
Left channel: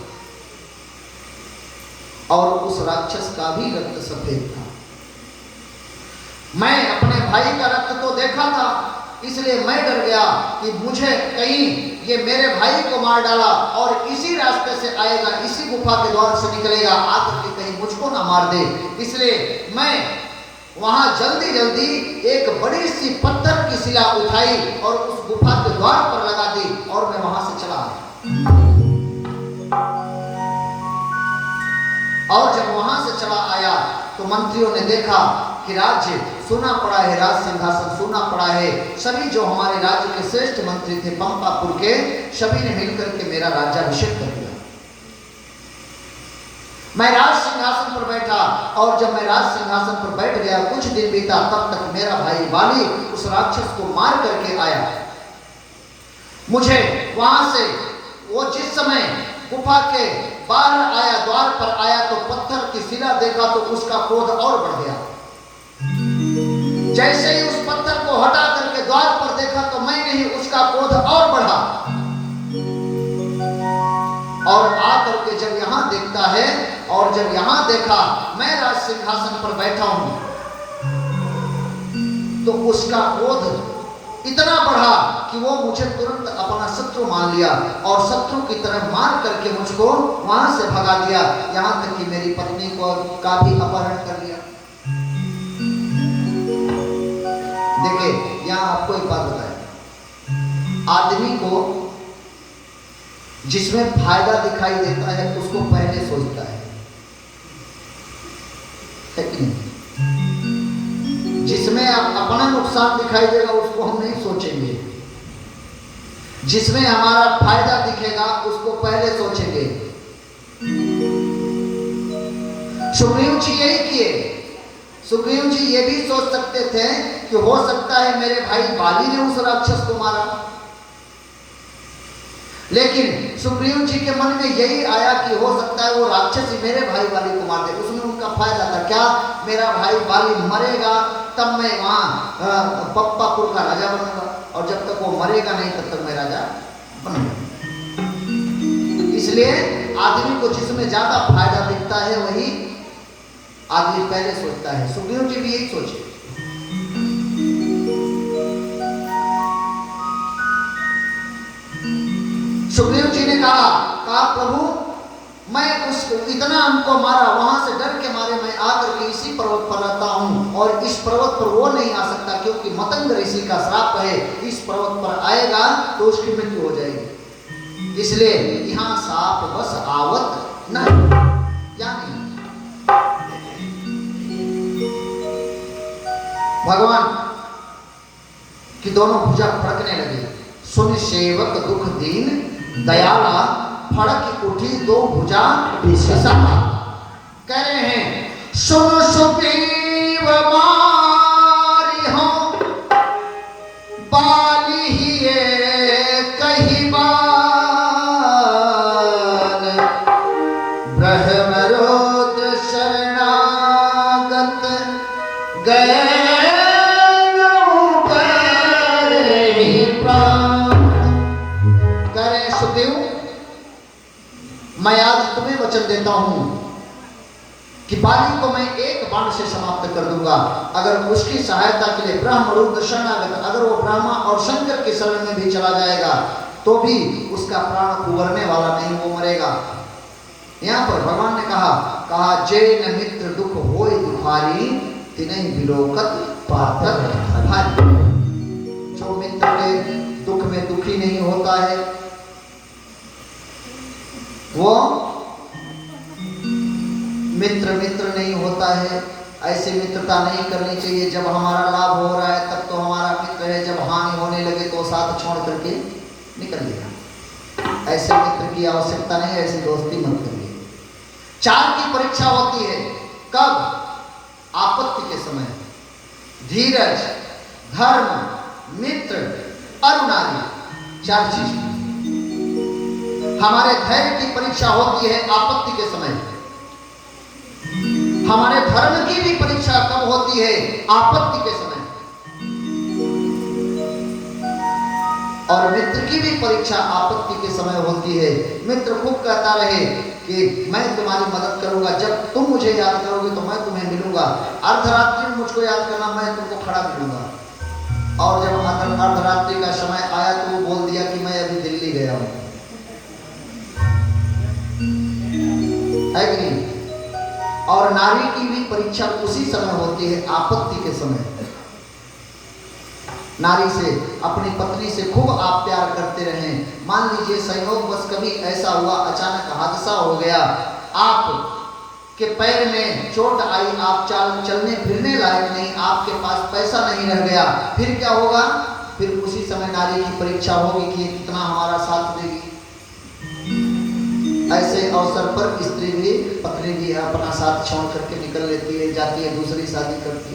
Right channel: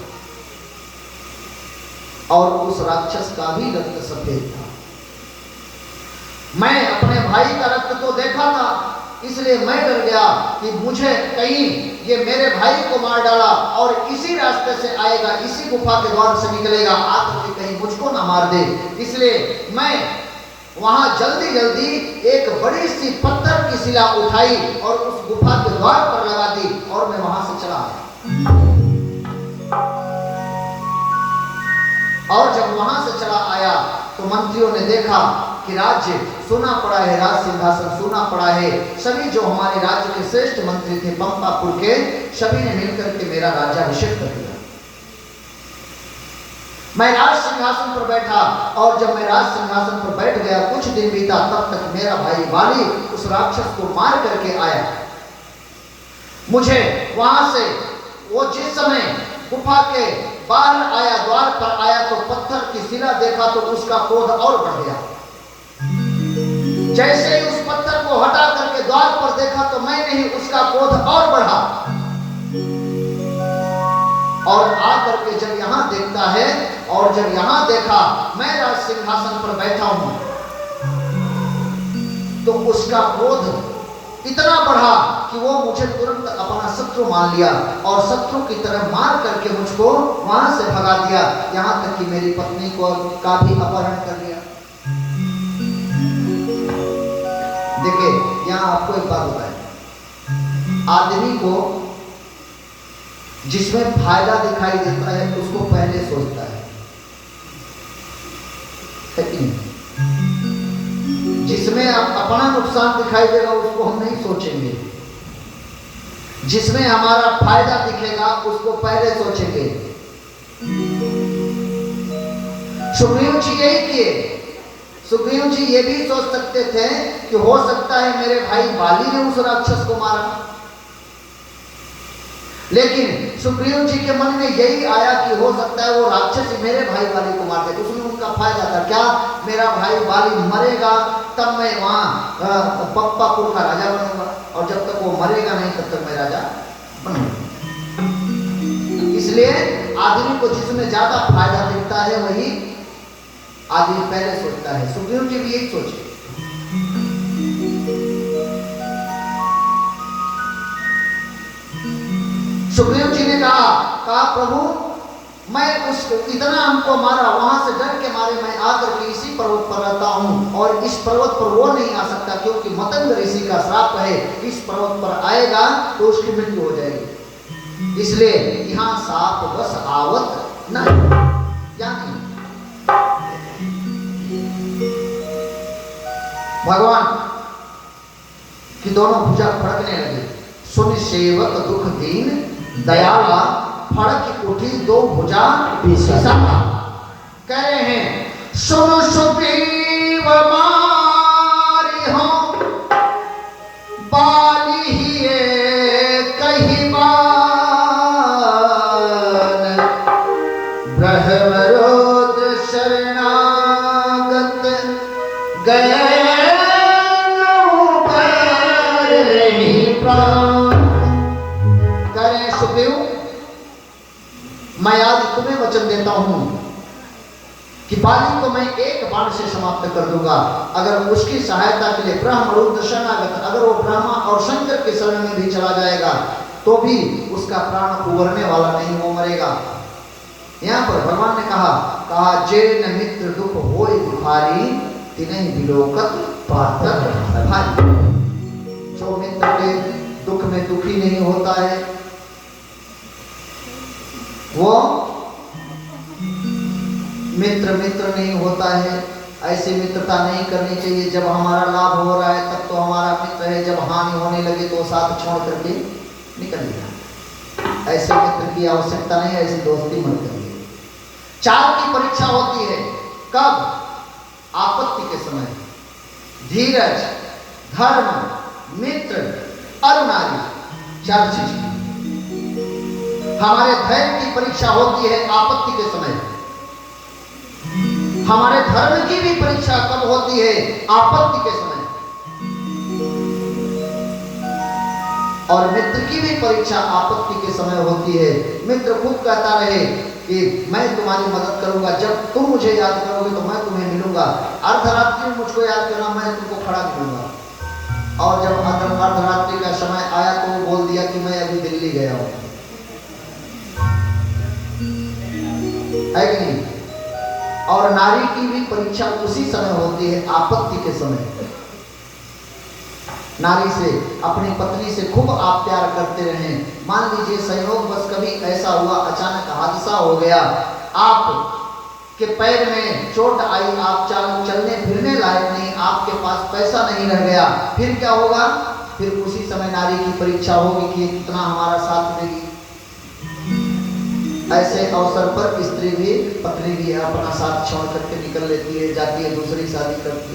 और उस राक्षस का भी रक्त सफेद था। मैं अपने भाई का रक्त तो देखा था, इसलिए मैं डर गया कि मुझे कहीं ये मेरे भाई को मार डाला और इसी रास्ते से आएगा, इसी गुफा के द्वार से निकलेगा, आकर के कहीं मुझको ना मार दे। इसलिए मैं वहां जल्दी एक बड़ी सी पत्थर की शिला उठाई और उस गुफा के द्वार पर लगा दी, और मैं वहां से चला आया। और जब वहां से चला आया तो मंत्रियों ने देखा कि राज्य सोना पड़ा है, राज सिंहासन सोना पड़ा है। सभी जो हमारे राज्य के श्रेष्ठ मंत्री थे पंपापुर के, सभी ने मिलकर के मेरा राज्याभिषेक कर दिया। मैं राज सिंहासन पर बैठा, और जब मैं राज सिंहासन पर बैठ गया, कुछ दिन बीता, तब तक मेरा भाई वाली उस राक्षस को मार करके आया। मुझे वहां से वो जिस समय गुफा के बाहर आया, द्वार पर आया, तो पत्थर की शिला देखा तो उसका क्रोध और बढ़ गया। जैसे ही उस पत्थर को हटा करके द्वार पर देखा तो मैं नहीं, उसका क्रोध और बढ़ा, और आकर के जब यहां देखता है, और जब यहां देखा मैं राज सिंहासन पर बैठा हूं, तो उसका क्रोध इतना बढ़ा कि वो मुझे तुरंत अपना शत्रु मान लिया, और शत्रु की तरह मार करके मुझको वहां से भगा दिया, यहां तक कि मेरी पत्नी को का भी अपहरण कर लिया। जिसमें फायदा दिखाई देता है उसको पहले सोचता है कि नहीं? जिसमें अपना नुकसान दिखाई देगा उसको हम नहीं सोचेंगे, जिसमें हमारा फायदा दिखेगा उसको पहले सोचेंगे। सुग्रीव जी यही किए। सुग्रीव जी ये भी सोच सकते थे कि हो सकता है मेरे भाई बाली ने उस राक्षस को मारा, लेकिन सुग्रीव जी के मन में यही आया कि हो सकता है वो राक्षस ही मेरे भाई बाली को मार दे। उसमें उनका फायदा था क्या? मेरा भाई बाली मरेगा तब मैं वहां पप्पापुर का राजा बनूंगा, और जब तक वो मरेगा नहीं तब तक मैं राजा बनूंगा। इसलिए आदमी को जिसमें ज्यादा फायदा दिखता है वही आदमी पहले सोचता है। सुग्रीव जी भी यही सोचे। सुग्रीव जी ने कहा प्रभु मैं उसको इतना हमको मारा, वहां से डर के मारे मैं आकर के इसी पर्वत पर रहता हूं, और इस पर्वत पर वो नहीं आ सकता क्योंकि मतंग ऋषि का श्राप है, इस पर्वत पर आएगा तो उसकी मृत्यु हो जाएगी, इसलिए यहाँ साप बस आवत नहीं। क्या नहीं? भगवान की दोनों भुजा फड़कने लगे। सुन सेवक दुख दीन दयाला, फड़क उठी दो भुजा विशेषा। कह रहे हैं सुनो सुग्रीव मारी हो बाली ही कही बान, ब्रह्मरोद शरणागत गए मैं आज तुम्हें वचन देता हूं कि बाली को मैं एक बाण से समाप्त कर दूंगा, अगर उसकी सहायता के लिए ब्रह्म रुद्र शरणागत, अगर वो ब्रह्मा और शंकर के शरण में भी चला जाएगा तो भी उसका प्राण उभरने वाला नहीं, वो मरेगा। यहाँ पर भगवान ने कहा जे न मित्र दुख होए दुखारी, तिनहि विलोकत पातक भारी। जो मित्र के दुख में दुखी नहीं होता है वो मित्र नहीं होता है। ऐसी मित्रता नहीं करनी चाहिए। जब हमारा लाभ हो रहा है तब तो हमारा मित्र है, जब हानि होने लगे तो साथ छोड़ करके निकल गया। ऐसे मित्र की आवश्यकता नहीं है, ऐसी दोस्ती मत करिए। 4 की परीक्षा होती है। कब? आपत्ति के समय। धीरज, धर्म, मित्र, अरुणारी, 4 चीज। हमारे धैर्य की परीक्षा होती है आपत्ति के समय। हमारे धर्म की भी परीक्षा कब होती है? आपत्ति के समय। और मित्र की भी परीक्षा आपत्ति के समय होती है। मित्र खूब कहता रहे कि मैं तुम्हारी मदद करूंगा, जब तुम मुझे याद करोगे तो मैं तुम्हें मिलूंगा, अर्धरात्रि में मुझको याद करना, मैं तुमको खड़ा मिलूंगा। और जब अर्धरात्रि का समय आया तो वो बोल दिया कि मैं अभी दिल्ली गया हूं, है कि नहीं? और नारी की भी परीक्षा उसी समय होती है, आपत्ति के समय। नारी से, अपनी पत्नी से खूब आप प्यार करते रहे, मान लीजिए संयोग बस कभी ऐसा हुआ, अचानक हादसा हो गया, आप के पैर में चोट आई, आप चलने फिरने लायक नहीं, आपके पास पैसा नहीं रह गया, फिर क्या होगा? फिर उसी समय नारी की परीक्षा होगी कि कितना हमारा साथ देगी। ऐसे अवसर पर स्त्री भी, पत्नी भी अपना साथ छोड़ करके निकल लेती है, जाती है, दूसरी शादी करती है।